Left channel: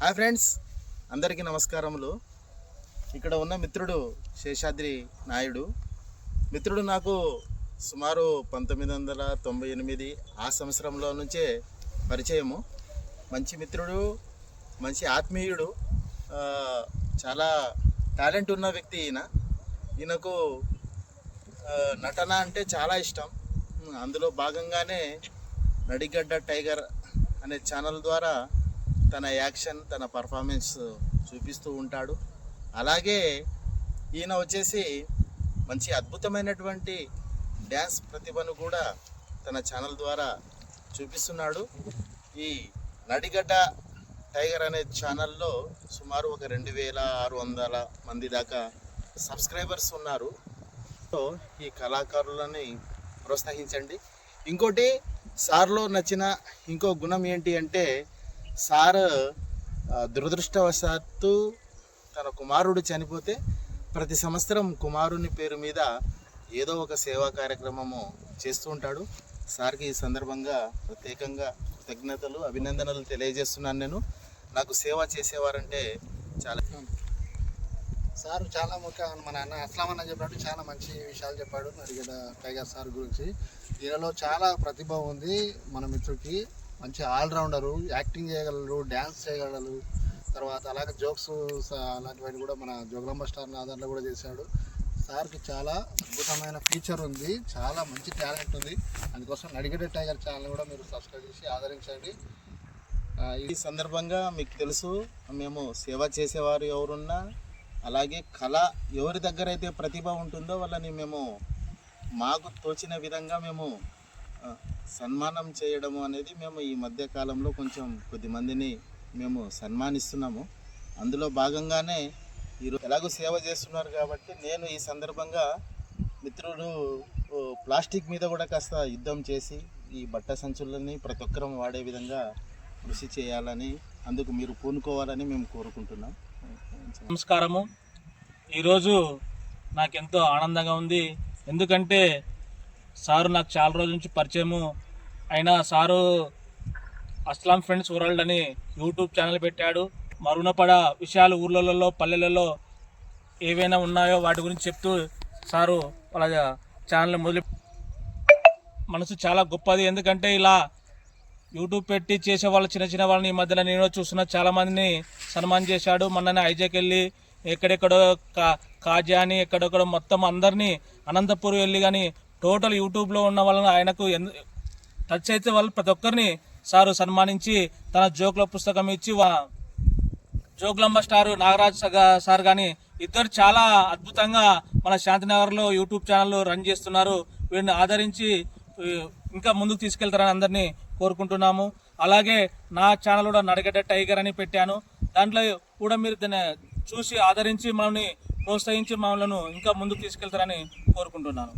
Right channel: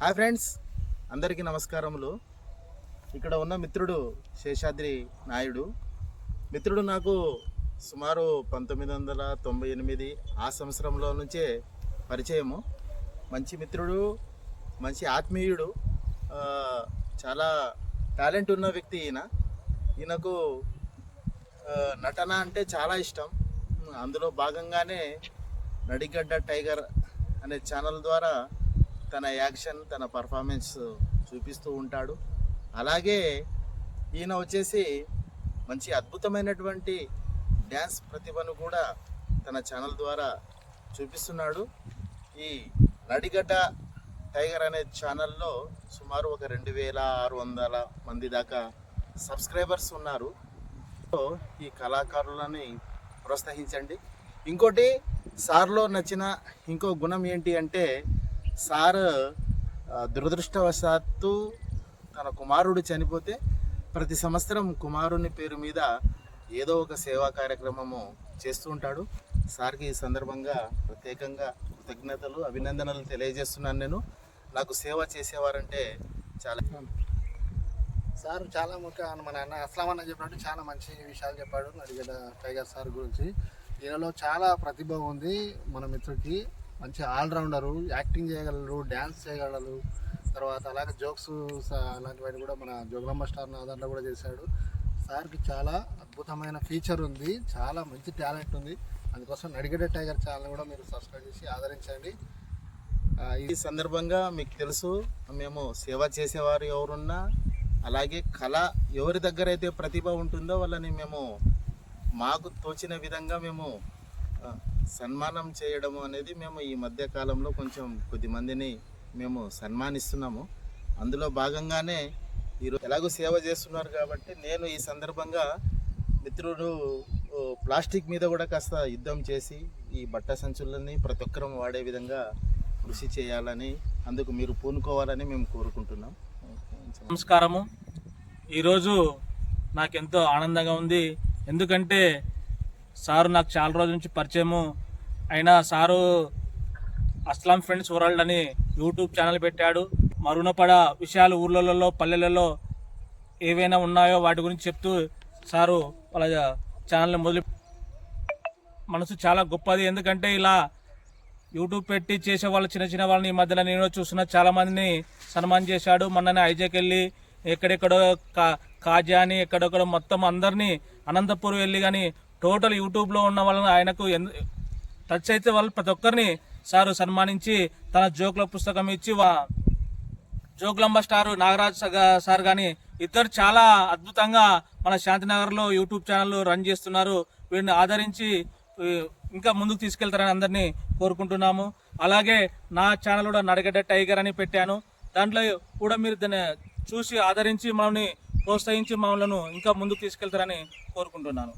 Hi friends, అందరికీ నమస్కారములు. ఇక్కడ ఉన్న మిత్రుడు శేషాద్రి నాయుడు. మిత్రుడు నాకు సుమారు 1998 ఆ సంవత్సరంలో నుంచే పరిచయము. మంచి మిత్రుడు, మంచి ఆత్మీయుడు, చాలా టాలెంట్ ఉన్న వ్యక్తి ఈయనకు నటన అంటే చాలా ఇష్టం. అందులో భాగంగానే నడిగడ్డ టైగర్ అనే ఛానల్ ద్వారా తన యాక్షన్, తన పర్ఫార్మెన్స్ చూపిస్తూ ఉంటాడు. అలాగే ఈయన వచ్చేసి మంచి అద్భుతమైనటువంటి డ్యాన్స్ ప్రతిభను కూడా తన ఛానల్ ద్వారా చూపిస్తున్నాడు. ఈ నడిగడ్డ టైగర్ అనే ఛానల్లో సుమారు ఒక 2600 మంది దాకా సబ్స్క్రైబర్స్ ఉన్నారు. ఈ కళాకారులని ప్రోత్సహించండి. ఇంకోటి, సార్లో నచ్చిన ఇంకో గుణం ఏంటి అంటే, సార్ దురదృష్టవశాత్తు తన కుమారుడు చనిపోతే ప్రతి సంవత్సరం కుమారుని పేరు మీద ఏదో ఒక సేవా కార్యక్రమము చేస్తూ ఉంటాడు. సార్కి ఈ సందర్భంగా ప్రత్యేకంగా కృతజ్ఞతలు, అభినందనలు తెలియజేస్తున్నాను. నాకు సేవ చేసేవారంటే చాలా. సార్ చాలా ముఖ్య మన అన్న అస్లాం అన్న చెప్పినట్టు చాలా మంచి విషయాలు చెప్పాడు నడిగడ్డ టైగర్ సార్ గురించి. ఈయనలో చాలా ప్రతిభ ఉంది. మన మిత్రుడికి మంచి ఆల్రౌండరు, యాక్టింగ్ చేయగలరు, డ్యాన్స్ చేయగలరు, తర్వాత అలాగే జోక్స్ అలాంటివన్నీ కూడా మన జోగులాంబ స్టార్ దాంట్లో కూడా చేశాడు. సార్కి చాలా అద్భుతమైన ఫీచర్ ఉంది, చాలా మంచి టాలెంట్ ఉంది. అందుకోసం నడిగడ్డ టైగర్ ఛానల్ కూడా మీరు సబ్స్క్రైబ్ చేసి ఆదరించండి. ఈ సందర్భంగా మీకు తెలుసు, మేము సేవ చేసేవారు ఎవరున్నా, అలాగే కళ ఎవరి దగ్గర అయితే ప్రతిభ ఉంటుందో వాళ్ళని మేము మాకు తోచిన విధంగా మేము సన్మానం చేయడము అనేది మేము ఈ మధ్య కాలంలో కొంచెం కొద్దిమందిని మేము సన్మానిస్తున్నాము. అందులో భాగంగానే ఈరోజు ఎలాగో సేవ చేస్తున్నారు కాబట్టి నేను ఈ సందర్భంగా మిత్రుడు ప్లాస్టిక్ మీద కూడా కాస్త యుద్ధం చేసి ఈ బట్ట సంచులని ప్రతి ఒక్కరూ వాడే విధంగా కృషి చేయాలని, అందుకు మీరు పూనుకోవాలని మేము కోరుకుంటున్నాం. నమస్కారము. ఈరోజు నాకెంతో ఆనందంగా ఉంది. ఎందుకంటే సారు నాకు చాలా రోజుల నుంచి పరిచయము అయినా సారు అస్లాం ఫ్రెండ్స్ వరల్డ్ అని యూట్యూబ్ ఛానల్ పెట్టాడు. మరుగునపడ విషయాలు ఊర్లలో పల్లెలలో ఏవైనా ఉన్నాయో వాటి గురించి చెప్తూ సారు వాళ్ళ ఛానల్ మొదలు. మనసు చాలా గొప్పది. ఎందుకంటే ఇలా యూట్యూబ్ పెట్టి చేసే వాళ్ళు చిన్న వాళ్ళని ఈ మధ్యలో నేను చూస్తున్నా, చాలామందిని సన్మానం చేశాడు. మొన్ననే ఐజాక్ వెళ్ళి ఎక్కడెక్కడో కాజా అని ఎక్కడెక్కడో మొత్తం అందరినీ అనంతపూర్ వెళ్ళి కానీ టోటల్ యూట్యూబ్లో ఉన్న వాళ్ళని ఆయనకు టచ్ అయితే వాళ్ళు ప్రతి ఒక్కరిని సారు సన్మానించి తన జోకుల పుస్తకం ఇచ్చి జోగులాంబ స్టార్ నాగరాజ్ సార్ కానీ ఇద్దరు చాలా అద్భుతంగా మన శాంతినగర్లో యూట్యూబ్ ఛానల్ రన్ చేస్తున్నారు. వీరిని ఆదరించి ఇంకా ముందుకు తీసుకెళ్తారని అందరినీ కోరుకుంటున్నాము. అలాగే నా ఛానల్ కూడా నడిగడ్డ టైగర్ అని పెట్టాను. దాంట్లో కూడా మీరు దాన్ని చూసి ఆదరించి మనల్ని ప్రోత్సహించి మమ్మల్ని ఇంకా ముందుకు తీసుకెళ్తారని కోరుకుంటున్నాను.